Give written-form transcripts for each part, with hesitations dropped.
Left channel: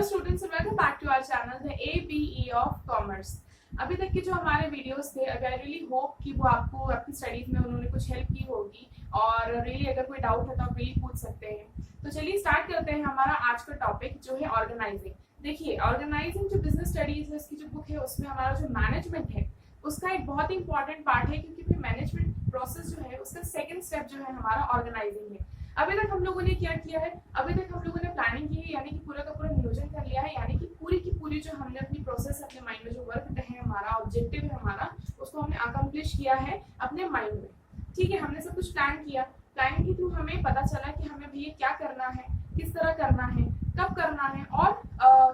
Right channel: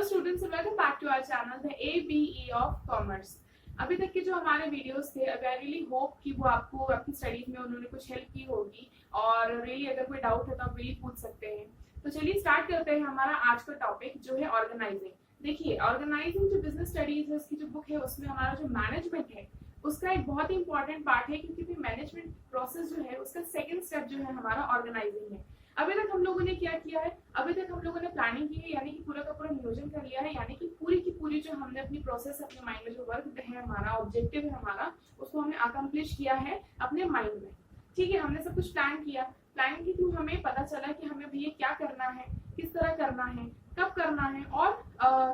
Hello students, welcome back to our channel the ABE of commerce. अभी तक के जो हमारे वीडियोस थे, आई रियली होप कि वो आपको आपकी स्टडीज में उन्होंने कुछ हेल्प की होगी और रियली अगर कोई डाउट है तो आप रियली पूछ सकते हैं। तो चलिए स्टार्ट करते हैं हमारा आज का टॉपिक जो है ऑर्गेनाइजिंग। देखिए, ऑर्गेनाइजिंग जो बिजनेस स्टडीज है उसकी जो बुक है उसमें हमारा जो मैनेजमेंट है उसका एक बहुत ही इंपॉर्टेंट पार्ट है, क्योंकि मैनेजमेंट प्रोसेस जो है उसका सेकंड स्टेप जो है हमारा ऑर्गेनाइजिंग है। अभी तक हम लोगों ने क्या किया है, अभी तक हम लोगों ने प्लानिंग की है, यानी कि पूरा का पूरा नियोजन कर लिया है, यानी कि पूरी की पूरी जो हमने अपनी प्रोसेस अपने माइंड में जो वर्क है हमारा ऑब्जेक्टिव है हमारा, उसको हमने अकम्प्लिश किया है अपने माइंड में। ठीक है, हमने सब कुछ प्लान किया। प्लानिंग के थ्रू हमें पता चला कि हमें भैया क्या करना है, किस तरह करना है, कब करना है और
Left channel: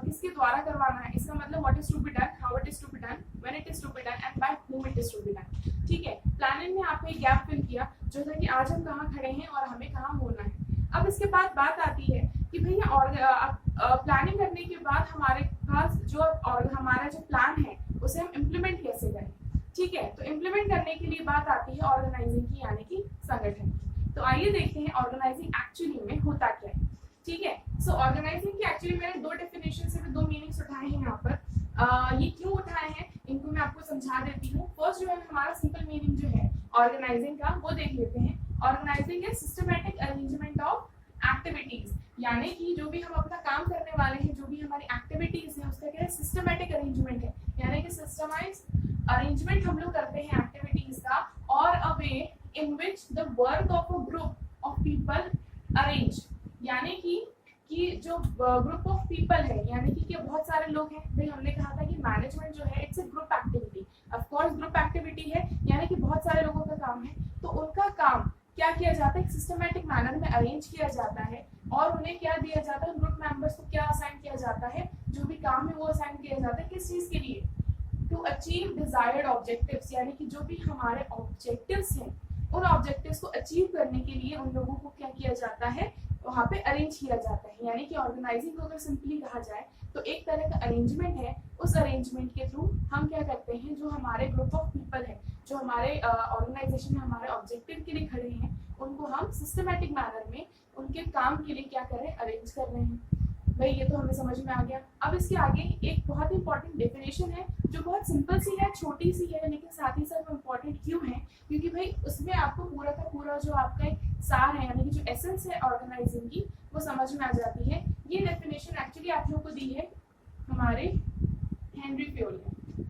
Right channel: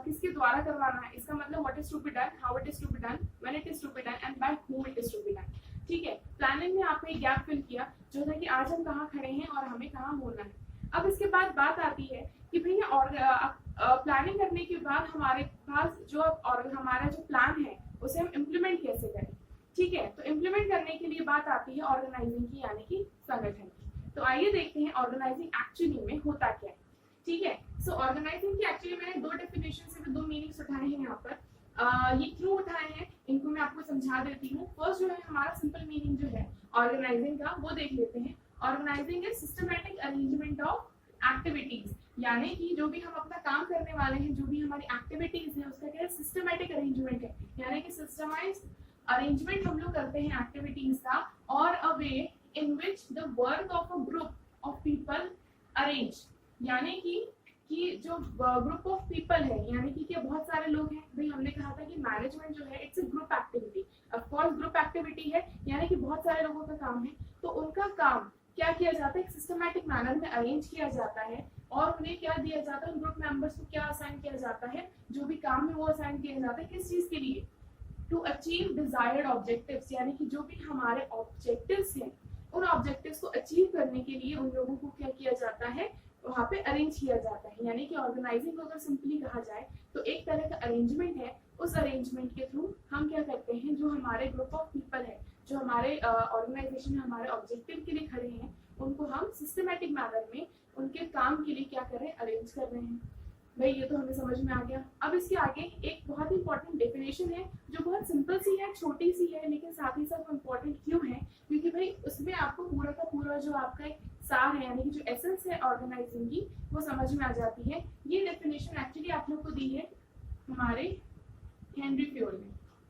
किसके द्वारा करवाना है। इसका मतलब what is to be done, how it is to be done, when it is to be done and by whom it is to be done. ठीक है, प्लानिंग में आपने एक गैप फिल किया जो था कि आज हम कहाँ खड़े हैं और हमें कहाँ होना है। अब इसके बाद बात आती है कि भैया और प्लानिंग करने के बाद हमारे पास जो और हमारा जो प्लान है उसे हम इम्प्लीमेंट कैसे करें। ठीक है, तो इम्प्लीमेंट करने के लिए बात आती है ऑर्गेनाइजिंग की, यानी कि संगठन की। तो आइए देखते हैं ऑर्गेनाइजिंग एक्चुअली में होता क्या है। ठीक है, सो ऑर्गेनाइजिंग की एक्चुअली मैंने दो डेफिनेशन से दो मीनिंग्स उठाए हैं यहाँ पर। ये क्यों उठाए हैं इनको मैं आपको समझा देती हूँ। फर्स्ट जो है हमारा सिंपल मीनिंग जो है ऑर्गेनाइजिंग का वो देख लेते हैं। Organizing is systematic arrangement of activities, यानी कि जो भी हम अपना काम करने वाले हैं, जो भी हमारी एक्टिविटीज है उसका क्या है, सिस्टमैटिक अरेंजमेंट है, यानी कि सिस्टमाइज अरेंजमेंट हम लोग करते हैं एक्टिविटीज का, और a way in which the work of a group of people arrange, यानी कि जो ग्रुप ऑफ पीपल है, यानी कि क्या बहुत सारे लोग हैं। भाई हमने कहा था कि मैनेजमेंट जो है it's a group activity, of course group activity है, यानी कि बहुत सारे लोगों का काम है। तो उनका काम क्या किया जाता है, एक सिस्टमैटिक मैनर में अरेंज किया जाता है और उन्हें क्या दिया जाता है, उन ग्रुप मेंबर्स को क्या असाइन किया जाता है, जो भी काम है वो असाइन किया जाता है। किस चीज के लिए, टू अचीव डिजायर्ड ऑब्जेक्टिव्स, यानी कि जो भी हमारे ऑब्जेक्टिव्स हैं उन ऑब्जेक्टिव्स को अचीव करने के लिए उन लोगों को क्या किया जाता है, वहाँ पे अरेंज किया जाता है। यानी कि ऑर्गेनाइजिंग को अगर सिंपली कहा जाए तो एक तरह का अरेंजमेंट है। उस अरेंजमेंट के थ्रू हम क्या करते हैं, जो हमारे ग्रुप ऑफ पीपल है, जो हमारे ऑर्गेनाइजेशन में हमारे ऑब्जेक्टिव के लिए खड़े हैं, उनको हम सिस्टमैटिक मैनर में उनके काम के लिए क्या कर रहे हैं, अरेंज कर रहे हैं। भाई ये तो हमें समझ में आ गया। अब इसके आगे एक बहुत ही इंपॉर्टेंट डेफिनेशन है जो बहुत सिंपल सी है, छोटी सी है, लेकिन साथ ही साथ इंपॉर्टेंट क्यों है, क्योंकि भाई उसमें आपको पूरा का पूरा जो आपका एक सार है, यानी कि जो एसेंस है ऑर्गेनाइजिंग की, वो समझ में आ जाती है। ये डेफिनेशन एक्चुअली आप लोगों को दी है हमारे हेनरी फ्योल ने।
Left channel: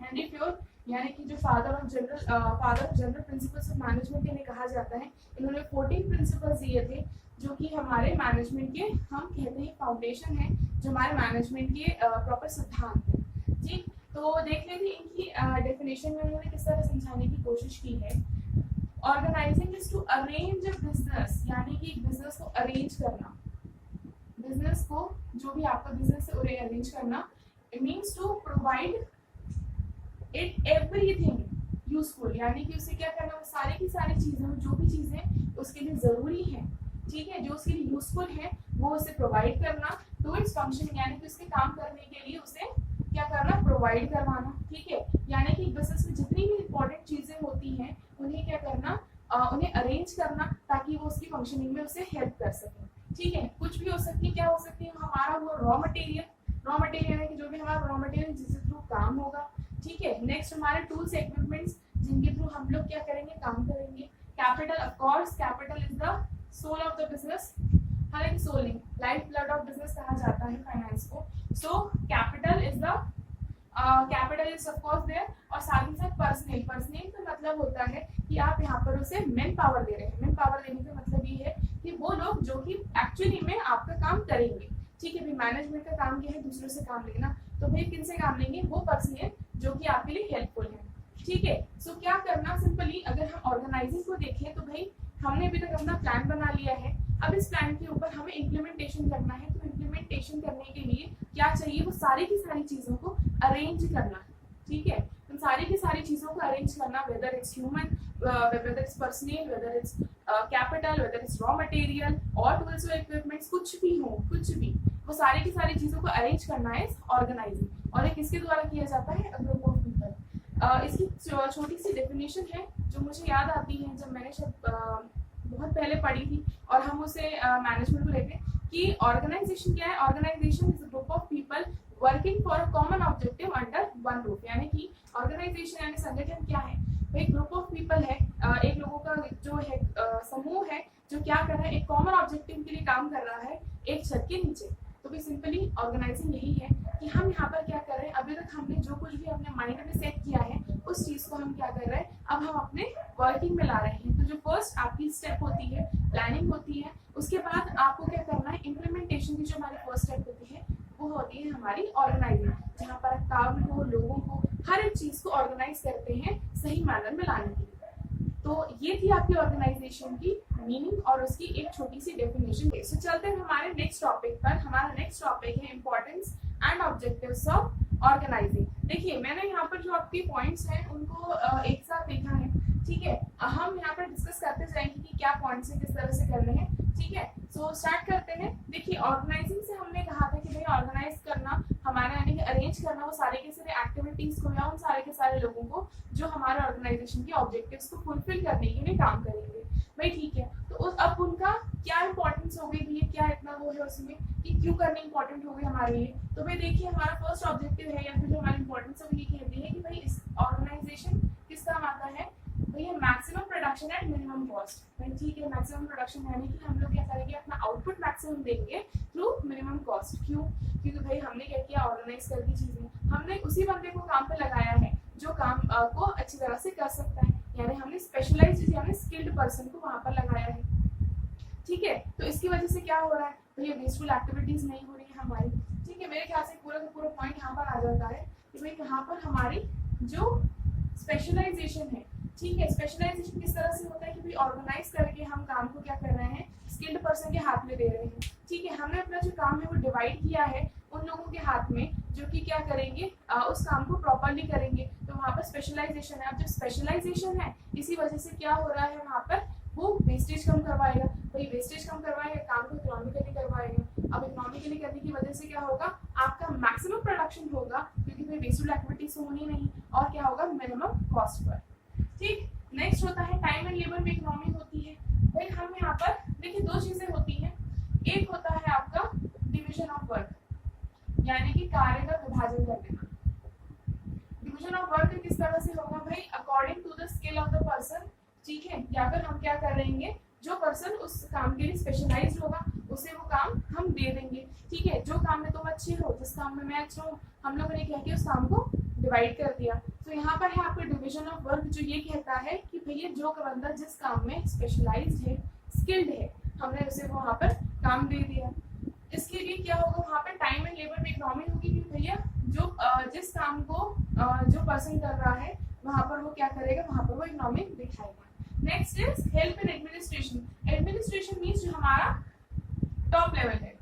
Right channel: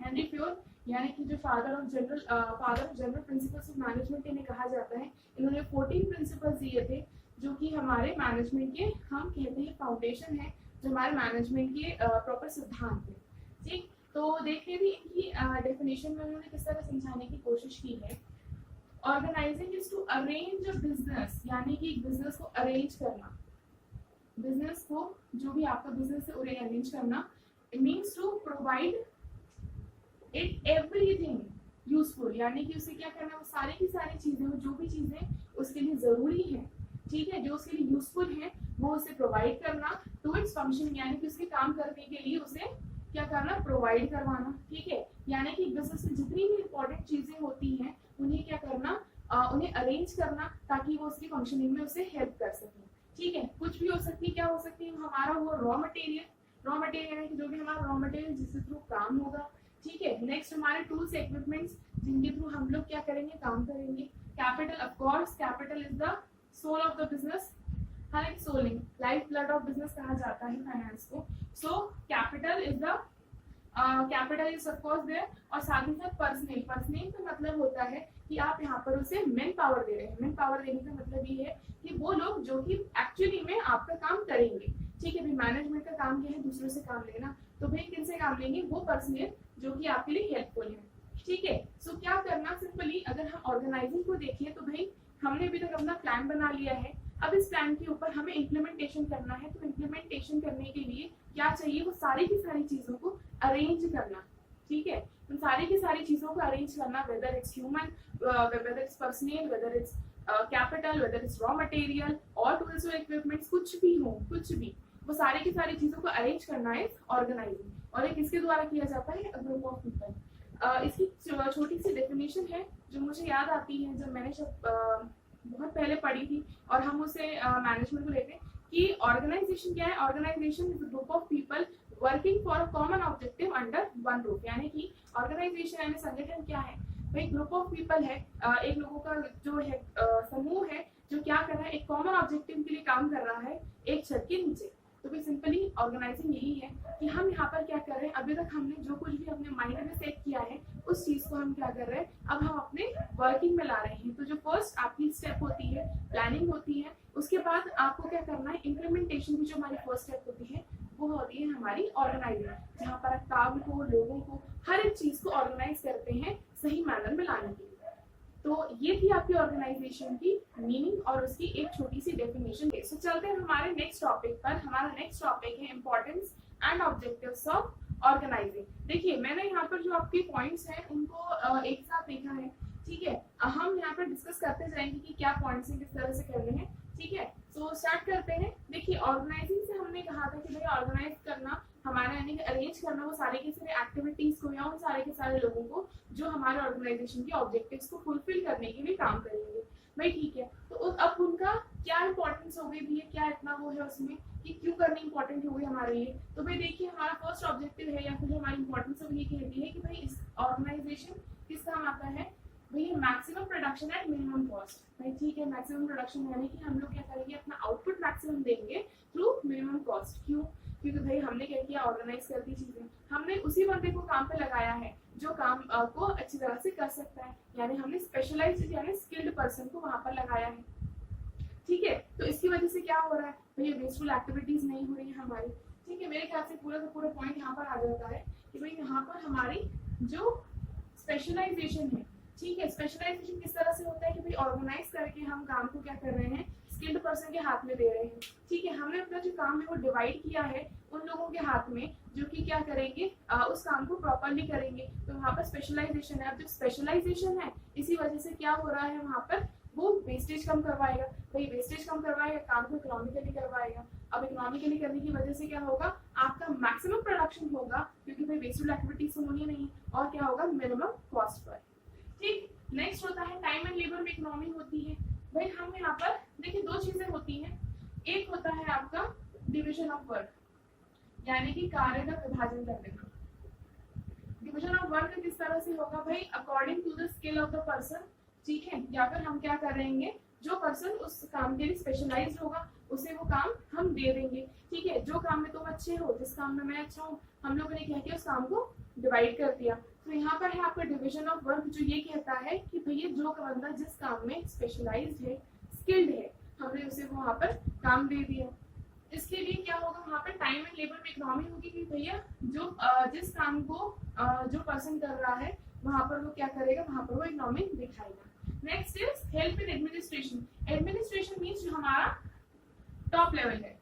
हेनरी फ्योल यानी कि जो father of general principles of management इन्हें कहा जाता है। इन्होंने 14 प्रिंसिपल्स दिए थे जो कि हमारे मैनेजमेंट के हम कहते हैं फाउंडेशन है, जो हमारे मैनेजमेंट के प्रॉपर सिद्धांत है। ठीक, तो देख लेते हैं इनकी डेफिनेशन में उन्होंने किस तरह समझाने की कोशिश की है। Organizing is to arrange a business, यानी कि बिजनेस को अरेंज करना, बिजनेस को जो भी आपका बिजनेस है उन्हें अरेंज करना। It means to provide it everything useful, यानी कि उसे क्या करना, वो सारी की सारी चीजें, जो भी चीजें उसके लिए जरूरी है, ठीक है, जो उसके लिए यूजफुल है वो उसे प्रोवाइड करना। टू इट्स फंक्शन, यानी कि उसके काम करने के लिए उसे क्या करना, प्रोवाइड करवाना। ठीक है, यानी कि बिजनेस में जितनी भी इंपॉर्टेंट चीजें होती हैं उन्हें क्या करना, उन्हें अरेंज करना ताकि वो उसकी फंक्शनिंग में उसे हेल्प कर सके। ठीक है, कुछ भी हो सकती है, क्या हो सकती है, हमारा वो रॉ मटेरियल यानी कि जो भी हमारा रॉ मटेरियल जिसके थ्रू काम होगा। ठीक है, नेक्स्ट हमारे टूल्स एक्विपमेंट्स जिनके थ्रू हम लोग क्या करेंगे, काम करेंगे। Capital, of course capital is the soul of the business, हालांकि सोल नहीं, लाइफ ब्लड ऑफ बिजनेस कहा जाता है फाइनेंस को। So capital is the capital is of course there, और साथ ही साथ पर्सनल, पर्सनल का मतलब होता है कि आप यहाँ पर उसे मेन पावर दे रहे हैं। मेन पावर देने का मतलब ये है कि वो लोग जो कि एक्चुअली में आपका काम करेंगे। ठीक है, भाई मैनेजमेंट का काम क्या है, दूसरों से काम लेना, तो भाई किन से काम लेंगे, वो पर्सनल जो कि आपके लिए हेल्पफुल है। ठीक है, सो क्या करना, सिंपली अगर हम ऑर्गेनाइजिंग को देखें तो भाई हमने अभी तक अपना प्लान बना लिया है। अब इस प्लान के ऊपर हमें इम्प्लीमेंटेशन करना है। तो इम्प्लीमेंटेशन करने के लिए क्या चाहिए, वो सारी की सारी चीजों को अरेंज करना। ठीक है, उन सारी की सारी चीजों को अरेंज करना, whether it's human, whether it's personal, whether it's capital, whether it's raw material और टूल्स और इक्विपमेंट्स, कुछ भी हो, कुछ भी, वो सारी की सारी चीजों को अरेंज करना है ऑर्गेनाइजिंग। और ये किसके द्वारा किया जाता है, ग्रुप ऑफ पीपल। इसकी छोटी सी डेफिनेशन है जो मुझे याद आती है जब मैंने बहुत पहले पढ़ी थी और हम उसे मैनेजमेंट को लेते कि ऑर्गेनाइजेशन क्या है, organization is a group of people working for a common objective under one roof. यानी कि ऑर्गेनाइजेशन यानी संगठन क्या है भाई, ग्रुप ऑफ पीपल है, एक लोगों का जो है समूह है जो क्या कर रहा है, एक कॉमन ऑब्जेक्टिव के लिए काम कर रहा है एक छत के नीचे। तो भी सिंपली ऑर्गेनाइजिंग यही है कि हम यहाँ पर क्या कर रहे हैं, अभी तक हमने जो कुछ भी अपने माइंड में सेट किया है उस चीज को हम क्या कर रहे हैं, अब हम अपने वर्किंग में ला रहे हैं। तो जो फर्स्ट आपकी स्टेप होती है प्लानिंग होती है, उसके बाद आपको क्या करना है, इम्प्लीमेंटेशन की जो हमारी फर्स्ट स्टेप होती है वो होती है हमारी ऑर्गेनाइजिंग, जहाँ पर काम को, लोगों को, हर एक चीज को ऑर्गेनाइज करते हैं सही मैनर में लाने के लिए। तो ये थी आपकी ऑर्गेनाइजेशन की मीनिंग और उसकी एक छोटी सी डेफिनेशन। तो चलते हैं हमारे नेक्स्ट टॉपिक पर। हमारा नेक्स्ट टॉपिक है importance and objectives of organizing. देखिए मैंने यहाँ पर जो आपके पॉइंट्स हैं उनको एक साथ लिखा है, ठीक है। हम यहाँ पर डिस्कस करते जाएंगे कि क्या पॉइंट्स हैं, किस तरह से करने हैं, ठीक है। सो स्टार्ट करते हैं। देखिए ऑर्गेनाइजिंग से हमने कहा था कि भाई ऑर्गेनाइज करना हमारे यानी कि अरेंज करना वो सारे के सारे एक्टिविटीज को या उन सारे के सारे लोगों को जो हमारे ऑर्गेनाइजेशन के ऑब्जेक्टिव्स को फुलफिल करने के लिए काम करेंगे भाई, ठीक है। तो अब उनका क्या इंपॉर्टेंस हो गई भैया, क्या इतना वो है उसमें कि क्यों करना इंपॉर्टेंट हो गई हमारे लिए। तो भाई देखिए हमारा फर्स्ट ऑब्जेक्टिव है या फिर जो हमारी इंपॉर्टेंस है वो ये कहती है कि भाई इस ऑर्गेनाइजेशन किस काम आता है भैया, maximum production at minimum cost. भाई ठीक है, मैक्सिमम प्रोडक्शन यानी कि हम लोग क्या करेंगे, अपना आउटपुट मैक्सिमम देंगे थ्रू मिनिमम कॉस्ट। क्यों, क्योंकि भाई हमने क्या किया, ऑर्गेनाइज कर दी चीजें, हमने उसी बंदे को काम पे लगाया है जो काम को अच्छी तरह से कर सकता है, यानी हमने स्पेशलाइज्ड यानी स्किल्ड पर्सन को वहां पर लगाया है, ठीक है। तो इसकी वजह से क्या हो रहा है भैया, वेस्टफुल एक्टिविटीज नहीं हो रही है हमारी, ठीक है। मेरे ख्याल से पूरा का पूरा पॉइंट यहाँ पर आ जाता है कि भाई यहाँ पर हमारी जो स्पेशलाइजेशन है, ठीक है। स्पेशलाइजेशन किस तरह से होता है कि भाई ऑर्गेनाइज करके हम काम को क्या कर रहे हैं, स्किल्ड पर्सन के हाथ में दे रहे हैं, ठीक है। हमने अपना जो काम है वो डिवाइड किया है उन लोगों के हाथ में जो कि क्या करेंगे, उस काम को प्रॉपरली करेंगे। तो वहाँ पर स्पेशलाइजेशन है। अब जब स्पेशलाइजेशन है इसी वजह से क्या हो रहा है वहाँ पर, वो वेस्टेज कम करवाएगा भाई, वेस्टेज कम करवाएगा, काम को इकोनॉमिकली करवाएगा। अब इकोनॉमिकली करने की वजह से क्या होगा, आपका मैक्सिमम प्रोडक्शन होगा क्योंकि भाई वेस्टफुल एक्टिविटीज होनी नहीं, और क्या होगा, मिनिमम कॉस्ट पर, ठीक। नेक्स्ट होता है टाइम एंड लेबर में इकोनॉमी होती है। भाई हम यहाँ पर देखिए दो चीजें होती हैं, एक होता है आपका डिवीजन ऑफ वर्क यानी कि कार्य का विभाजन कर देना। डिवीजन ऑफ वर्क किस तरह से होगा भाई, according to the skill of the person, ठीक है। या फिर हम क्या करेंगे, जो पर्सन उस काम के लिए स्पेशलाइज्ड होगा उसे वो काम हम दे देंगे, ठीक है। जो काम में तुम अच्छे हो, जिस काम में मैं अच्छा हूँ, हम लोगों ने क्या किया, उस काम को डिवाइड कर दिया। तो यहाँ पर है आपका डिवीजन ऑफ वर्क जो ये कहता है कि भैया जो बंदा जिस काम में स्पेशलाइज्ड है, स्किल्ड है, हमने उसे वहाँ पर काम दे दिया। इसके लिए क्या होगा, वहाँ पे टाइम एंड लेबर में इकोनॉमी होगी कि भैया जो जिस काम को जो पर्सन कर रहा है वहाँ पर वो क्या करेगा, वहाँ पर वो इकोनॉमी दिखाएगा। Next is help in administration. Administration means जो हमारा टॉप लेवल है,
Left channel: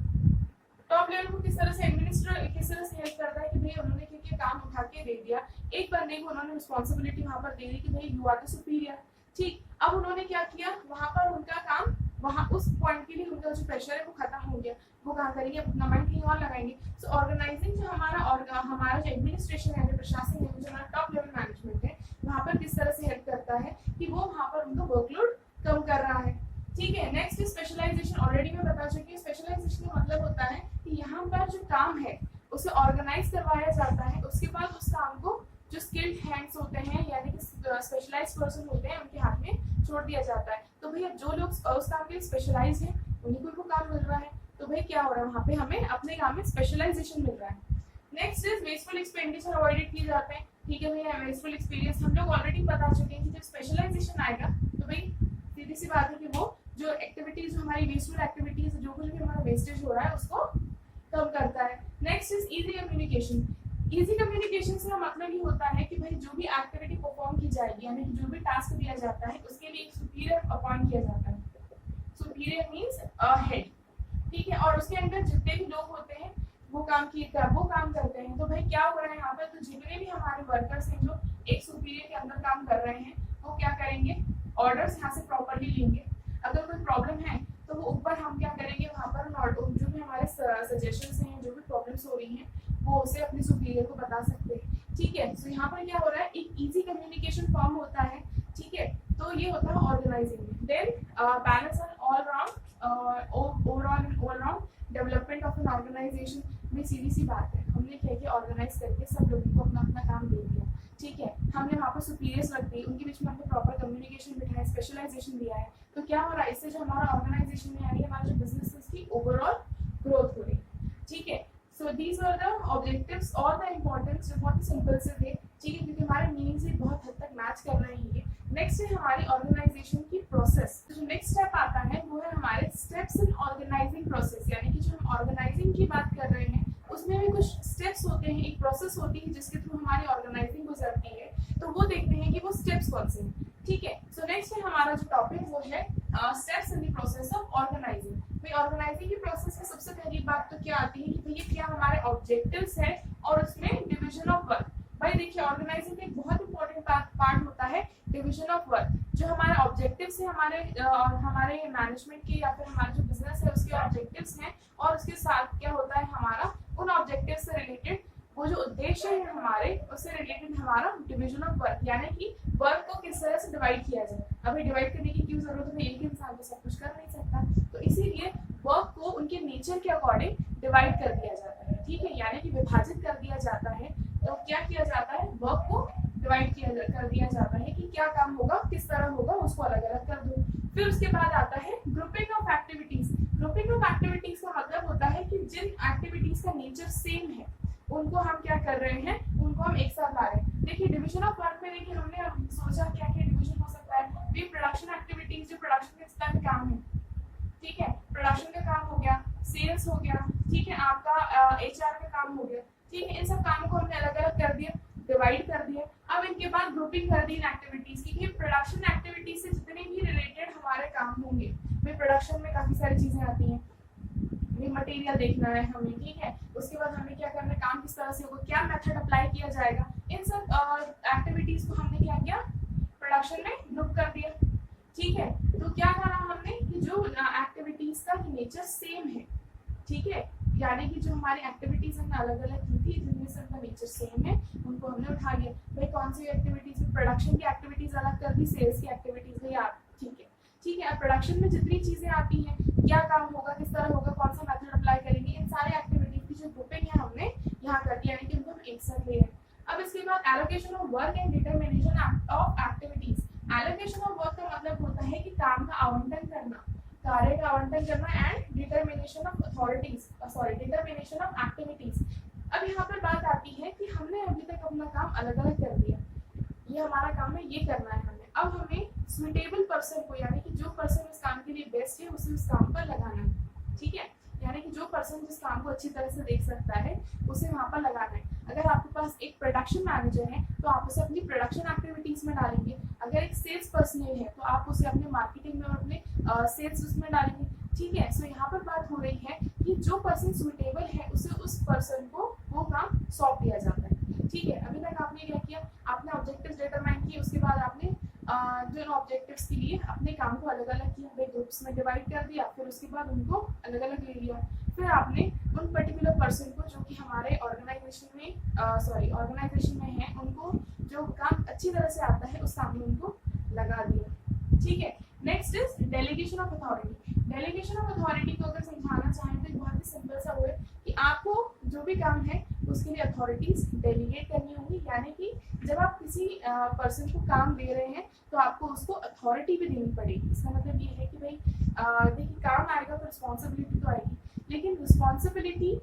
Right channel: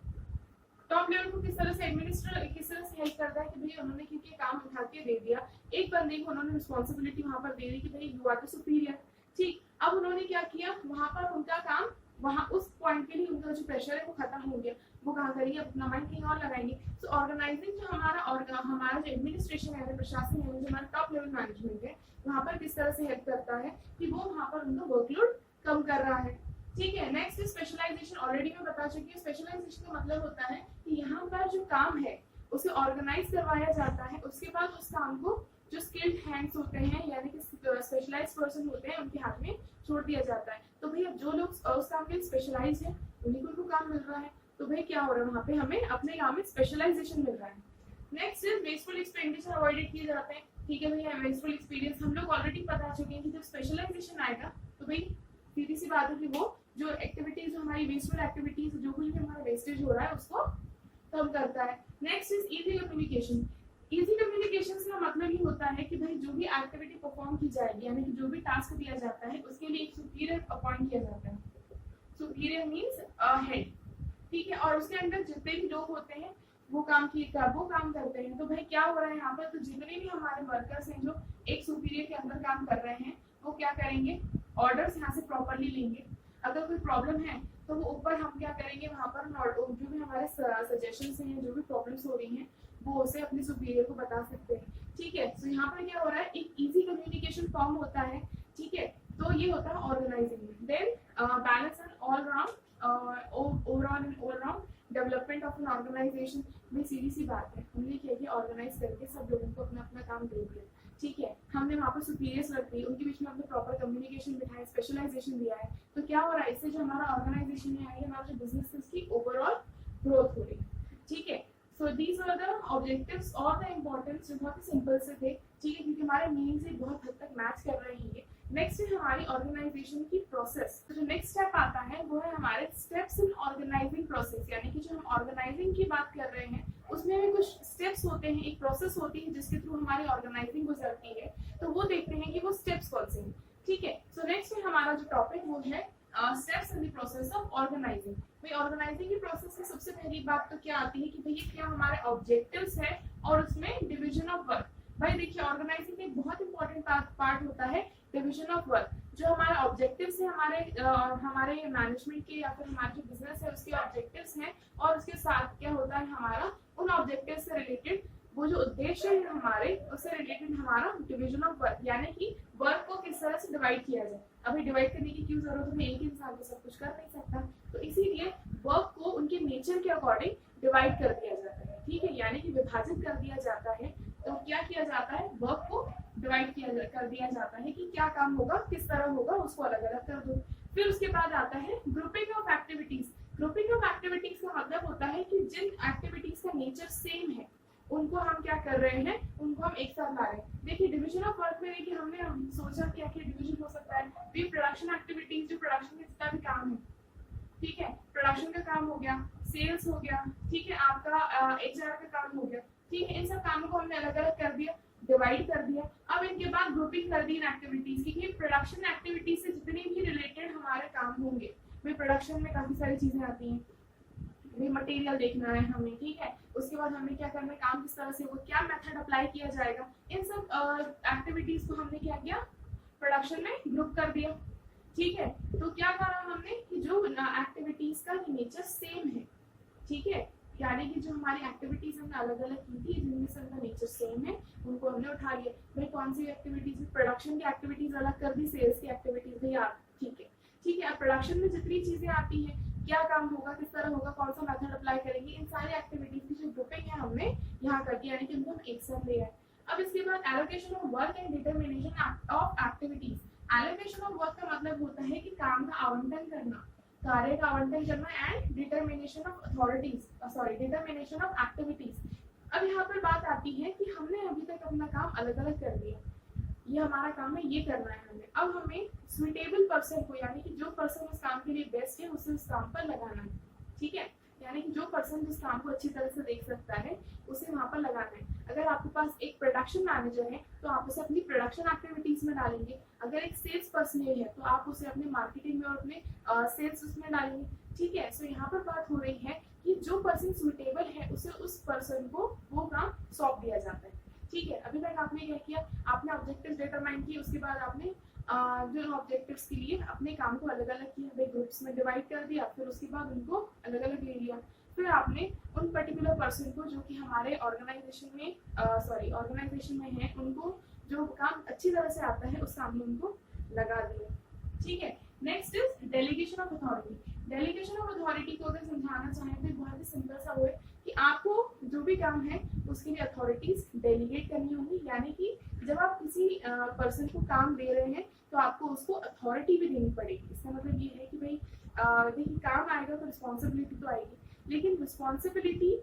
टॉप लेवल को किस तरह से हेल्प करता है कि भाई उन्होंने क्योंकि काम उठा के दे दिया, एक बंदे को उन्होंने रिस्पॉन्सिबिलिटी वहां पर दे दी कि भाई यू आर द सुपीरियर, ठीक। अब उन्होंने क्या किया, वहां पर उनका काम वहां उस पॉइंट के लिए उनका जो प्रेशर है वो खत्म हो गया, वो कहाँ करेंगे, अपना माइंड कहीं और लगाएंगे। सो ऑर्गेनाइजिंग जो हमारा जो एडमिनिस्ट्रेशन है, प्रशासन है, जो हमारा टॉप लेवल मैनेजमेंट है, वहां पर किस तरह से हेल्प करता है कि वो वहां पर उनका वर्कलोड कम कर रहा है, ठीक है। नेक्स्ट स्पेशलाइजेशन, ऑलरेडी मैं बता चुकी हूँ। स्पेशलाइजेशन का मतलब होता है कि यहाँ पर जो काम है उसे ऑर्गेनाइज करवाया जाता है, उसके बाद उस काम को जो स्किल्ड हैंड्स होते हैं यानी कि स्पेशलाइज्ड पर्सन होते हैं उनके हाथ में छोड़ दिया जाता है। तो भैया जो लोग उस काम के लिए स्पेशलाइज हैं उन्हीं को काम मिल रहा है, तो भाई क्या हो रहा है, वहाँ पे हमें अपने काम में स्पेशलाइजेशन मिल रहा है। Next is wasteful expenditure avoided किए जाते हैं, ठीक है भैया। वेस्टफुल एक्सपीरियंस हम लोग ऑलरेडी बता चुके हैं कि जब स्पेशलाइजेशन आएगा तो भाई सीधी सी बात है कि वो जो एक्टिविटीज, जो हमारी वेस्टफुल एक्टिविटीज, जो कुछ भी हमारा वेस्टेज हो रहा है उसको कम करता है। Next is easy communication. Easy communication से मतलब ये होता है कि भाई जो भी एक्टिविटी परफॉर्म की जाएगी यानी कि जो भी टास्क दिया जाता है उसके लिए एक सुपीरियर अपॉइंट किया जाता है। सुपीरियर मींस हेड, ठीक है। और उसके अंदर जितने भी लोग होते हैं वो काम करते हैं। तो भाई क्या हो रहा है यहाँ पर, तो जितने भी हमारे वर्कर्स हैं जो एक सुपीरियर के अंदर काम कर रहे हैं वो क्या करेंगे, ऑर्डर्स यहाँ से प्रॉपरली लेंगे। अगर कोई प्रॉब्लम है तो वो ऊपर हम क्या करेंगे, वहाँ पर जो भी हमारे सजेशंस हैं, जो भी प्रॉब्लम्स हो रही हैं वो उसे अपने सुपीरियर को बता सकते हैं, ठीक है। तो यहाँ पर क्या हो रहा है, एक इजी कम्युनिकेशन फॉर्म होता है, ठीक है। तो ये होता है organizing. Then balance and all round overall and all round development of an organization में सीधी सी बात है, हमने क्या किया, ऑर्गेनाइज करके सब लोगों को अपना अपना काम दे दिया, ठीक है। हमने वहाँ पर सुपीरियर्स रख दी, उनके बीच में हमने प्रॉपर कम्युनिकेशन बिठाया, स्पेशलाइजेशन दिया है, तो क्या हो रहा है, इससे जो हमारा ऑर्गेनाइजेशन में आई, हमारा जो बिजनेस है उसकी ओवरऑल ग्रोथ हो रही है, ठीक है। So these are the objectives और द इम्पोर्टेंस, जो बहुत सिंपल से थे, ठीक है, क्योंकि हमारे मीनिंग से बहुत हद तक मैच कर रहे हैं ये। नेक्स्ट है हमारी ऑर्गेनाइजेशन की प्रोसेस। जो नेक्स्ट स्टेप आता है वो है हमारे स्टेप्स इन ऑर्गेनाइजिंग प्रोसेस, यानी कि जो हम ऑर्गेनाइजिंग की बात कर रहे हैं उसमें भी कुछ स्टेप्स होते हैं, एक प्रोसेस होती है जिसके थ्रू हमारी ऑर्गेनाइजिंग गुजरती है, तो वो देखते हैं कि वो स्टेप्स कौन से हैं, ठीक है। सो नेक्स्ट है हमारा जो टॉपिक वो है steps in the process of organizing. भाई ऑर्गेनाइजिंग की प्रोसेस में सबसे पहली बात तो क्या आती है कि भैया क्या हमारे ऑब्जेक्टिव्स है और उसमें डिवीजन ऑफ वर्क। भाई देखिए ऑर्गेनाइजिंग का एक बहुत इंपॉर्टेंट पार्ट होता है डिवीजन ऑफ वर्क। जो हमारे ऑब्जेक्टिव्स है हमारे मैनेजमेंट के या फिर हमारा जो बिजनेस है उसके ऑब्जेक्टिव्स हैं, और उसके साथ क्या होता है हमारा उन ऑब्जेक्टिव्स से रिलेटेड वो जो उद्देश्य है हमारे उससे रिलेटेड हमारा डिवीजन ऑफ वर्क, यानी कि वर्क को किस तरह से डिवाइड किया जाए। अभी डिवाइड करने की क्यों जरूरत है, एक इंसान तो सब कुछ कर नहीं सकता, तो इसीलिए वर्क को उनके नेचर के अकॉर्डिंग डिवाइड कर दिया जाता है, ठीक है, यानी कि विभाजित कर दिया जाता है। तो क्या किया जाता है, वर्क को डिवाइड कर दिया जाता है कि क्या काम होगा, किस तरह होगा, उसको अलग अलग कर दो। फिर उसके बाद आता है grouping of activities. Grouping of activities का मतलब होता है कि जिन एक्टिविटीज का नेचर सेम है उनको हम क्या कर रहे हैं, उनको हम एक साथ ला रहे हैं। देखिए डिवीजन ऑफ वर्क में देखिए हमने सोचा क्या क्या डिवीजन हो सकता है, भी प्रोडक्शन एक्टिविटीज, जो प्रोडक्शन के जितना भी काम है, ठीक है, प्रोडक्शन का काम हो गया, सेल्स हो गया, ठीक है, आपका HR का काम हो गया, ठीक है, इन सब कामों को हमने अलग अलग कर दिया, डिवाइड कर दिया। अब इनके बाद ग्रुपिंग कर दी इन एक्टिविटीज की, प्रोडक्शन एक्टिविटीज से जितने भी रिलेटेड हमारे काम होंगे, भाई प्रोडक्शन में काफी सारी चीजें आती हैं, भी मटेरियल देखना है हमें, ठीक है, उसके बाद हमें क्या करना है, काम किस तरह से होगा, क्या मेथड अप्लाई किया जाएगा, इन सब एक्टिविटीज को हमने क्या किया, प्रोडक्शन में ग्रुप कर दिया, ठीक है। तो क्या करा हमने कि जो एक्टिविटीज का नेचर सेम है, ठीक है, यानी कि जो हमारी एक्टिविटीज हमने अलग अलग की थी जिनमें से उनका नेचर सेम है उनको हमने उठा लिया। भाई कौन सी एक्टिविटीज, प्रोडक्शन की एक्टिविटीज अलग कर दी, सेल्स की एक्टिविटीज भी आप, ठीक है, ठीक है। अब प्रोडक्शन में जितनी चीजें आती हैं, क्या काम होगा, किस तरह होगा, कौन सा मेथड अप्लाई करेंगे, इन सारे एक्टिविटीज की जो ग्रुपिंग है हमने यहाँ कर दी, यानी कि उनको हम एक साथ ले आए। अब इसके बाद allocation of work and determination of activities. Allocation of work का मतलब होता है कि काम का आवंटन करना, कार्य का आवंटन करना, and determination of determination of activities. अब यहाँ पर बात आती है कि हमने अभी तक अपना काम अलग अलग कर दिया, ये हमारा काम है, ये करना है हमें, अब हमें सुइटेबल पर्सन को, यानी कि जो पर्सन इस काम के लिए बेस्ट है उसे इस काम पर लगाना है, ठीक है, यानी कि जो पर्सन जिस काम को अच्छी तरह से देख सकता है उसे वहां पर लगाना है। अगर आपके पास एक प्रोडक्शन मैनेजर है तो आप उसे अपनी प्रोडक्शन एक्टिविटीज में डालेंगे, अगर एक सेल्स पर्सनल है तो आप उसे अपने मार्केटिंग में और अपने सेल्स उसमें डालेंगे, ठीक है। सो यहाँ पर बात हो रही है कि जो पर्सन सुइटेबल है उसे उस पर्सन को वो काम सौंप दिया जाता है, ठीक है। अभी तक आपने क्या किया, आपने ऑब्जेक्टिव्स डिटरमाइन किए, उसके बाद आपने जो ऑब्जेक्टिव्स के लिए अपने काम को अलग अलग किया, भाई ग्रुप्स में डिवाइड कर दिया, फिर उसके बाद उनको अलग अलग ले लिया, फिर आपने उन पर्टिकुलर पर्सन को जो कि हमारे ऑर्गेनाइजेशन में है उनको जो काम अच्छी तरह से आता है उस काम में उनको लगा दिया, ठीक है। Next is delegation of authority. Delegation of authority को अगर समझाना चाहें तो बहुत ही सिंपल सा वो है कि आपको जो भी काम है उसके लिए अथॉरिटीज डेलीगेट करनी होंगी, यानी कि जब आप किसी पर्सन को काम दे रहे हैं तो आपको उसको अथॉरिटी भी देनी पड़ेगी। इसका मतलब ये है कि भाई देखिए काम आएगा तो रिस्पॉन्सिबिलिटी तो आएगी, लेकिन रिस्पॉन्सिबिलिटी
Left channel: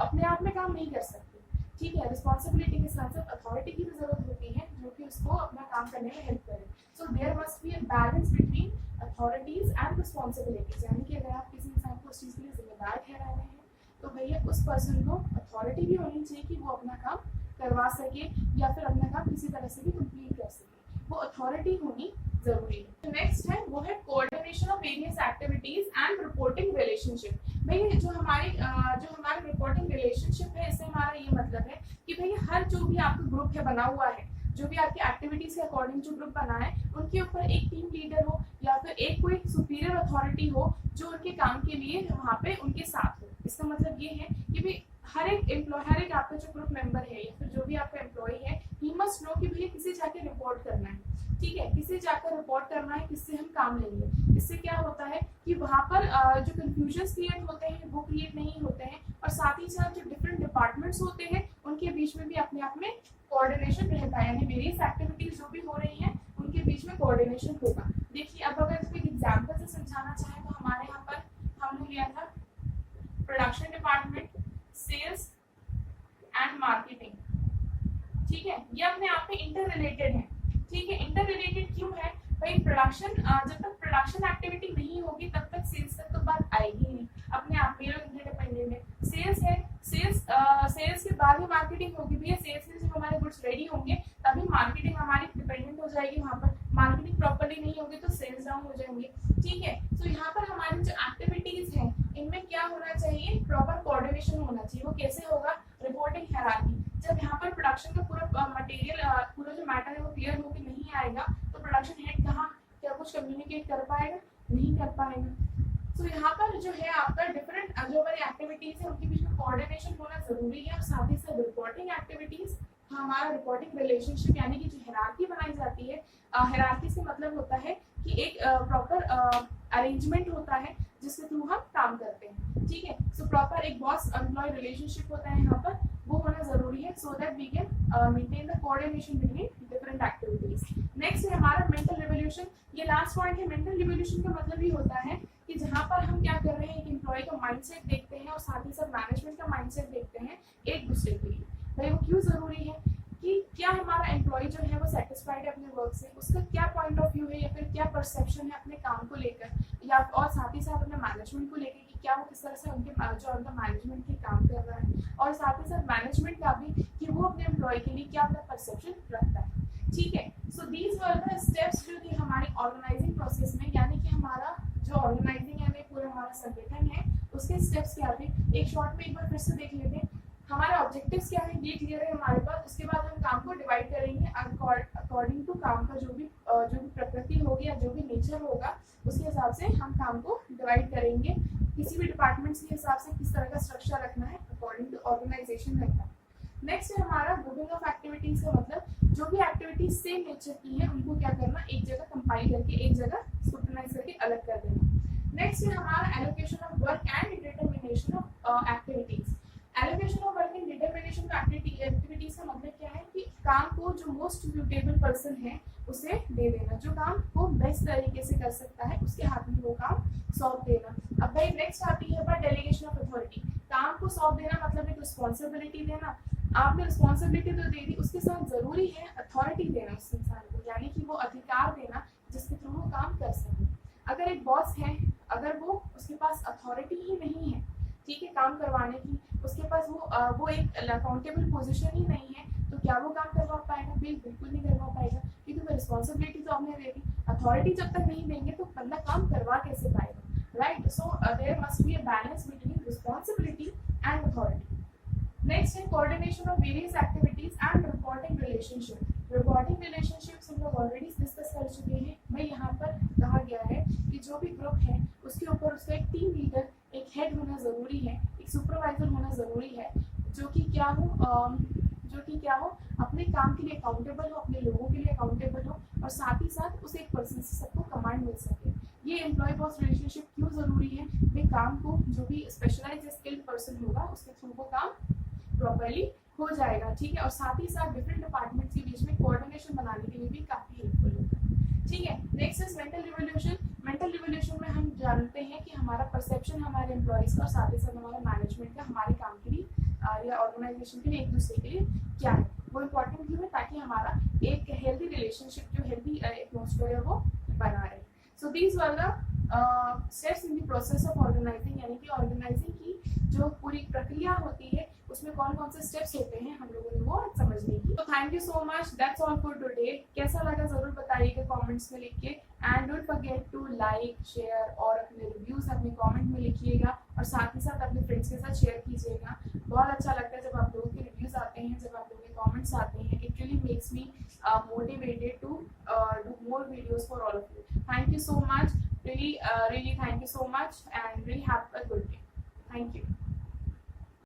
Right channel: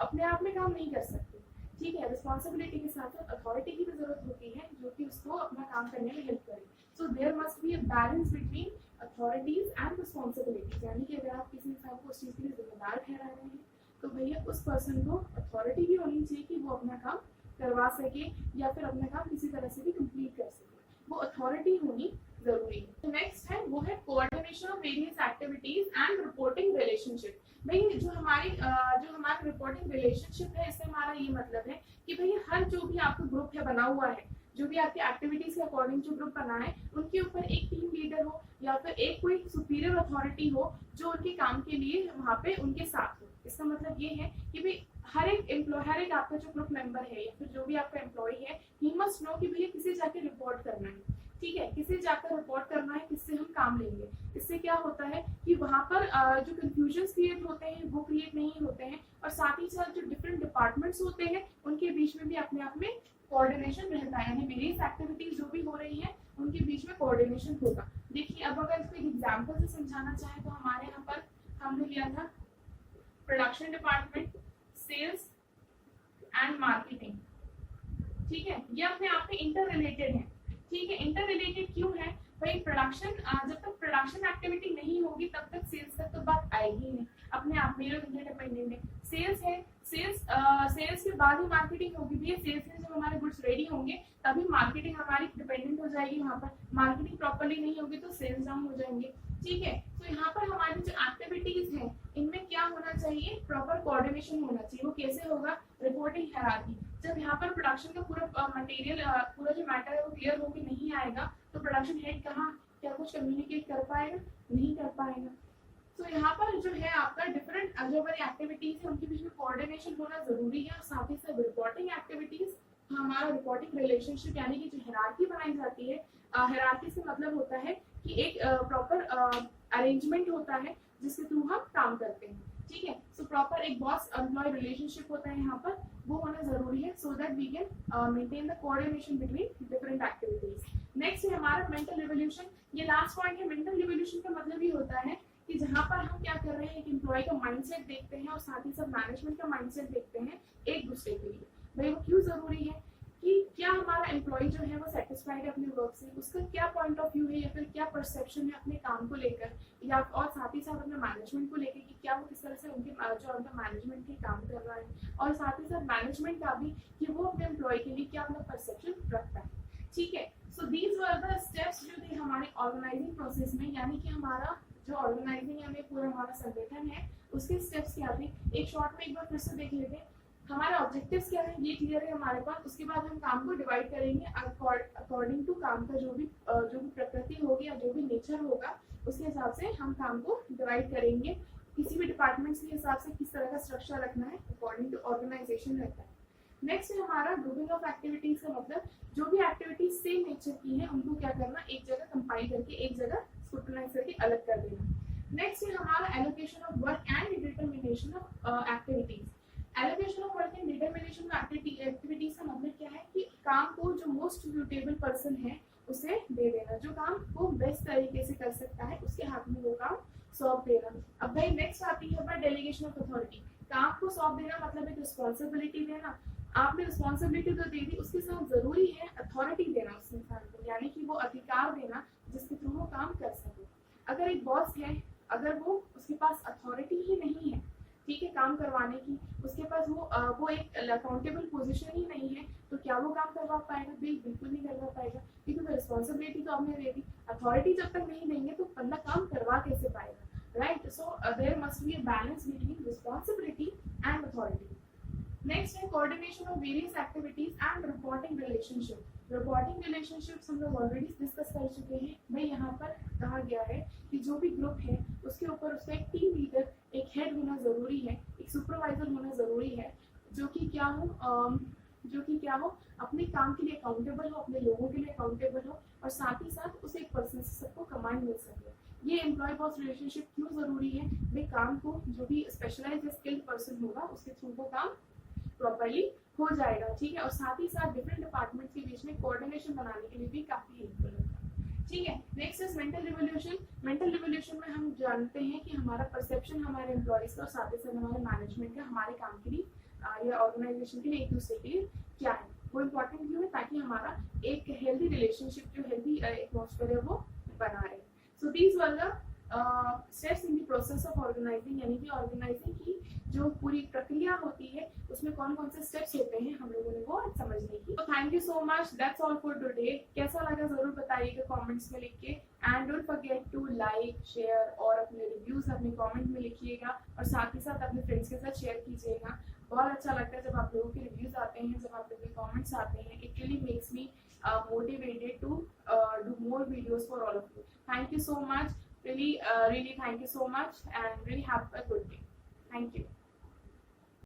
अपने आप में काम नहीं कर सकती, ठीक है, रिस्पॉन्सिबिलिटी के साथ साथ अथॉरिटी की भी जरूरत होती है जो कि उसको अपना काम करने में हेल्प करे। So there must be a balance between authorities and responsibilities, यानी कि अगर आप किसी इंसान को उस चीज़ के लिए जिम्मेदार ठहरा रहे हैं तो भैया उस पर्सन को अथॉरिटी भी होनी चाहिए कि वो अपना काम करवा सके या फिर अपना काम किसी तरह से भी कंप्लीट कर सके, वो अथॉरिटी होनी जरूरी है। नेक्स्ट है वो है coordination of various activities and reporting relationship. भाई जो हमारा रिपोर्टिंग रिलेशनशिप है इससे हमारा ये मतलब है कि भाई हर जो भी आपका ग्रुप है बना हुआ है, जो भी आपकी एक्टिविटीज के अकॉर्डिंग जो ग्रुप बना है उनके ऊपर एक टीम लीडर हो या फिर एक कोई सुपीरियर अथॉरिटी हो जो उनके काम के लिए वहाँ पे उनके साथ हो। इसका मतलब ये है कि भाई हर एक आपका जो ग्रुप मेंबर है या फिर जो भी आपका एम्प्लॉय है, ही मस्ट नो कि भैया किसे जाके रिपोर्ट करना है, ठीक है, किसे जाकर रिपोर्ट करना है, किससे हम काम लेंगे। इससे क्या होता है कि वहाँ पर जो कंफ्यूजन क्रिएट होते हैं वो क्रिएट नहीं होते हैं, और साथ ही साथ जो डिफरेंट डिपार्टमेंट्स होते हैं उनके बीच में भी अपने आप में कोऑर्डिनेशन रहता है, यानी वेरियस एक्टिविटीज जो भी हो रही हैं उनके बीच में कोऑर्डिनेशन होगा। देखिए अब अगर इसको एक एग्जांपल से समझाना चाहे तो हमारे यहाँ पर हमने लिया था production department, sales and marketing, ठीक है, ये अपने आप में इंटर रिलेटेड है। ठीक है, इंटर रिलेटेड क्यों है भाई, प्रोडक्शन जब तक प्रोडक्शन एक्टिविटी नहीं होगी तब तक सेल्स तक तो बात आएगी नहीं, अपने आप में इंटरडिपेंडेंट है। सेल्स है, सेल्स के बाद ही मार्केटिंग होगी, भैया सेल्स में जब हमारे गुड्स रेडी होंगे तभी मार्केटिंग हमारी डिपेंडेंट हो जाएगी, वहाँ पर मार्केटिंग प्रॉपर्ली नहीं होगी तो सेल्स डाउन हो जाएंगे। ठीक है, तो यहाँ पर हमारी जो एक्टिविटीज है इनमें क्या होना चाहिए, प्रॉपर कोऑर्डिनेशन होना चाहिए। वो कैसे होगा, रिपोर्टिंग हायरार्की। जब यहाँ पर प्रोडक्शन का पूरा मटेरियल पूरा जो मैटर है वो क्लियर होकर नहीं आएगा तो प्रोडक्शन हेड कहाँ क्या कुछ कम्युनिकेट कर पाएगा, नहीं कर पाएगा। तो यहाँ पर जो है आपका डिफरेंट जो हमारी एक्टिविटीज है उनके बीच में कोऑर्डिनेशन होना जरूरी है, और साथ ही साथ रिपोर्टिंग एक्टिविटीज, हमारा रिपोर्टिंग रिलेशनशिप यानी कि जो हायरार्की बनाई जाती है, हायरार्की से मतलब होता है कि एक प्रॉपर अरेंजमेंट होता है जिसके थ्रू हम काम करते हैं। ठीक है, सो प्रॉपर एक बॉस एम्प्लॉय रिलेशनशिप होता है यहाँ पर, वो होना जरूरी है so that we can maintain the coordination between different activities. Next है हमारा मेंटल रिवोल्यूशन। ये लास्ट पॉइंट है। मेंटल रिवोल्यूशन का मतलब ये होता है कि जहाँ पर हम क्या कर रहे हैं, एक एम्प्लॉय का माइंडसेट देखते हैं और साथ ही साथ मैनेजमेंट का माइंडसेट देखते हैं एक दूसरे के लिए। भाई वो क्यों जरूरी है कि क्या हमारा एम्प्लॉय जो है वो सेटिस्फाइड है अपने वर्क से, उसका क्या पॉइंट ऑफ व्यू है या फिर क्या परसेप्शन है अपने काम को लेकर, या और साथ ही साथ अपने मैनेजमेंट को लेकर कि क्या वो किस तरह से उनके जो उनका मैनेजमेंट के काम कर रहा है, और साथ ही साथ मैनेजमेंट का भी कि वो अपने एम्प्लॉय के लिए क्या अपना परसेप्शन रखता है। ठीक है, so these were the steps जो थे हमारे ऑर्गेनाइजिंग प्रोसेस में, यानी कि हमारा जो ऑर्गेनाइजिंग यानी पूरा हमारा संगठन है उसके स्टेप्स क्या थे, एक शॉर्ट में एक बार फिर से देख लेते हैं। हमारे ऑब्जेक्टिव्स क्या है ये क्लियर है हमारे पास। उसके बाद हम काम को डिवाइड करेंगे अकॉर्डिंग टू काम का जो भी प्रकृति होगी या जो भी नेचर होगा उसके हिसाब से हम काम को डिवाइड करेंगे। किसी भी डिपार्टमेंट्स के हिसाब से किस तरह का स्ट्रक्चर रखना है अकॉर्डिंग टू ऑर्गेनाइजेशन रखना है। नेक्स्ट है हमारा ग्रुपिंग ऑफ एक्टिविटीज का मतलब जो भी एक्टिविटीज सेम नेचर की है उनको क्या करना, एक जगह कंपाइल करके एक जगह स्क्रूटनाइज करके अलग कर देना। नेक्स्ट है हमारा allocation of work and determination of activities. Allocation of work and determination of activities का मतलब क्या है कि काम को जो मोस्ट सूटेबल पर्सन है उसे दे देना, जो काम वो बेस्ट तरीके से कर सकता है उसके हाथ में वो काम सौंप देना। अब भाई नेक्स्ट आती है बात डेलीगेशन ऑफ अथॉरिटी। काम को सौंप देना मतलब एक रिस्पॉन्सिबिलिटी देना, आपने रिस्पॉन्सिबिलिटी तो दे दी, उसके साथ जरूरी है अथॉरिटी देना उस इंसान को, यानी कि वो अधिकार देना जिसके थ्रू वो काम कर सके। अगर एक बॉस है, अगर वो उसके पास अथॉरिटी ही नहीं है ठीक है काम करवाने की, उसके पास वो एक अकाउंटेबल पोजीशन ही नहीं है तो क्या वो काम करवा पाएगा, बिल्कुल नहीं करवा पाएगा, क्योंकि वो रिस्पॉन्सिबिलिटी तो आपने दे दी, अथॉरिटी जब तक नहीं देंगे तो बंदा काम करवा कैसे पाएगा, right. So there must be a balance between responsibility and authority. Next है coordination of various activities and reporting relationship. Reporting relationships हम लोग ऑलरेडी डिस्कस कर चुके हैं। भाई यहाँ पर कहा गया है कि जो भी ग्रुप है उसके ऊपर उसका एक टीम लीडर, एक हेड होना जरूरी है, एक सुपरवाइजर होना जरूरी है, जो कि क्या हो अपने काम के लिए अकाउंटेबल हो, अपने लोगों के लिए अकाउंटेबल हो, और साथ ही साथ उसे एक पर्सन से सबको कमांड मिल सके। ये एम्प्लॉय बॉस रिलेशनशिप क्यों जरूरी है, भाई काम को जो भी स्पेशलाइज्ड स्किल्ड पर्सन होगा उसके थ्रू वो काम प्रॉपर्ली हो जाएगा। ठीक है, और साथ ही साथ डिफरेंट डिपार्टमेंट्स के बीच में कोऑर्डिनेशन बनाने के लिए भी काफी हेल्पफुल होता है। ठीक है, next is mental revolution. Mental revolution में हम जानते हैं कि हमारा परसेप्शन हमारे एम्प्लॉयज का और साथ ही साथ हमारे मैनेजमेंट का हमारे काम के लिए या ऑर्गेनाइजेशन के लिए एक दूसरे के लिए क्या है वो इम्पोर्टेंट क्यों है, ताकि हमारा एक हेल्दी रिलेशनशिप जो हेल्दी एटमॉस्फेयर है वो बना रहे। So these were the steps in the process of organizing, यानी कि ऑर्गेनाइजिंग की जो पूरी प्रक्रिया होती है उसमें कौन कौन से स्टेप्स होते हैं हम लोगों ने वो समझने की। तो thank you so much, that's all for today. कैसा लगा जरूर बताइएगा कमेंट्स में लिख के, and don't forget to like share और अपने रिव्यूज अपने कमेंट में लिखिएगा, और साथ ही साथ अपने फ्रेंड्स के साथ शेयर कीजिएगा। बहुत अच्छा लगता है जब आप लोगों के रिव्यूज आते हैं, जब आप लोगों के कमेंट्स आते हैं, it really makes me motivated to do more videos for all of you. Thank you so much, really thank you so much, and really have a good day. Thank you.